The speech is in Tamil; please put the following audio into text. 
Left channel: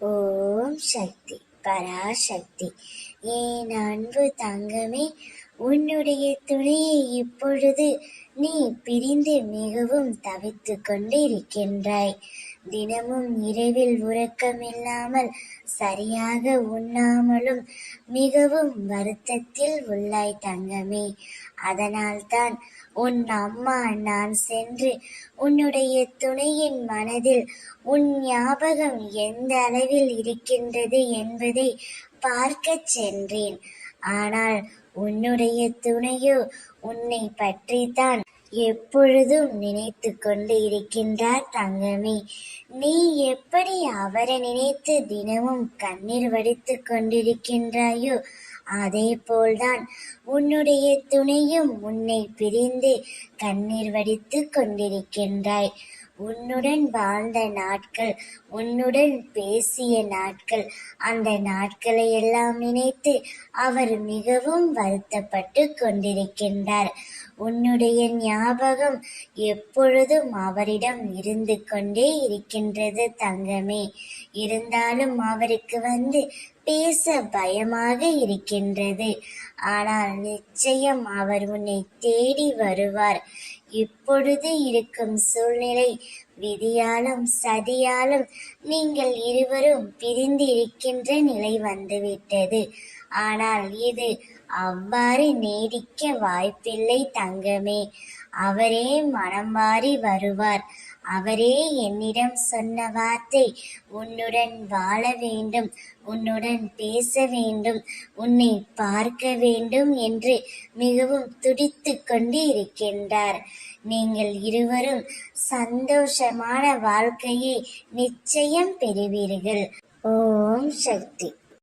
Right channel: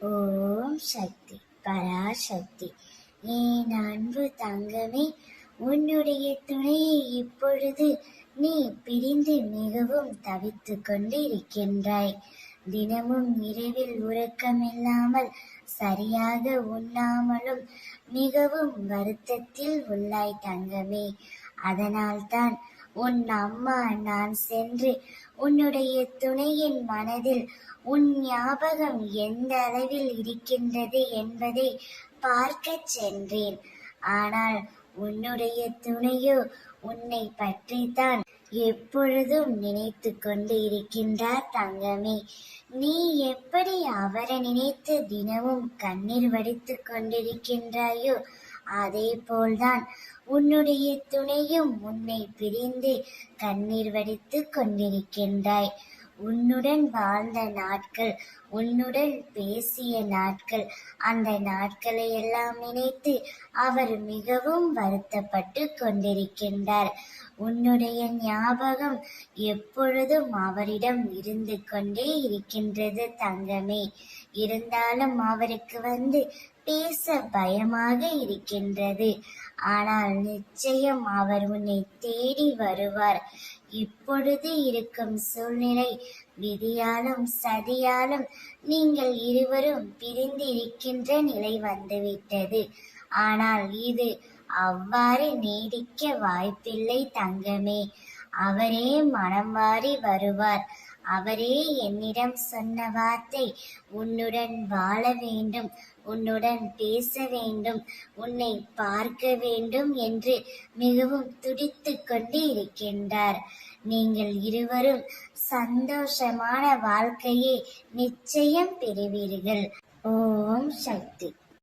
ஓம் சக்தி பராசக்தி. என் அன்பு தங்கமே, உன்னுடைய துணையை இப்பொழுது நீ பிரிந்து மிகவும் தவித்து கொண்டு இருக்கின்றாய். தினமும் இரவில் உறக்கமில்லாமல் சரியாக உண்ணாமலும் மிகவும் வருத்தத்தில் உள்ளாய் தங்கமே. அதனால்தான் உன் அம்மா நான் சென்று உன்னுடைய துணையின் மனதில் உன் ஞாபகம் எந்த அளவில் இருக்கின்றது என்பதை பார்க்கச் சென்றேன். ஆனால் உன்னுடைய துணையோ உன்னை பற்றித்தான் எப்பொழுதும் நினைத்து கொண்டு இருக்கின்றார் தங்கமே. நீ எப்படி அவரை நினைத்து தினமும் கண்ணீர் வடித்து கொண்டிருக்கின்றாயோ அதே போல்தான் உன்னுடைய துணையும் உன்னை பிரிந்து கண்ணீர் வடித்து கொண்டிருக்கின்றாய். உன்னுடன் வாழ்ந்த நாட்கள், உன்னுடன் பேசிய நாட்கள், அந்த நாட்களை எல்லாம் நினைத்து அவர் மிகவும் வருத்தப்பட்டு கொண்டிருக்கின்றார். உன்னுடைய ஞாபகம் எப்பொழுதும் அவரிடம் இருந்து கொண்டே இருக்கின்றது தங்கமே. இருந்தாலும் அவருக்கு வந்து பேச பயமாக இருக்கின்றது. ஆனால் நிச்சயம் அவர் உன்னை தேடி வருவார். இப்பொழுது இருக்கும் சூழ்நிலை விதியாலும் சதியாலும் நீங்கள் இருவரும் பிரிந்து இருக்கின்ற நிலை வந்துவிட்டது. ஆனால் இது அவ்வாறு நீடிக்க வாய்ப்பில்லை தங்கமே. அவரே மனம் மாறி வருவார். அவரே என்னிடம் சொன்ன வார்த்தை, உன்னுடன் வாழ வேண்டும், உன்னுடன் பேச வேண்டும், உன்னை பார்க்க வேண்டும் என்று மிகவும் துடித்து கொண்டு இருக்கின்றார். நீங்கள் இருவரும் சந்தோஷமான வாழ்க்கையை நிச்சயம் பெறுவீர்கள். ஓம் சக்தி.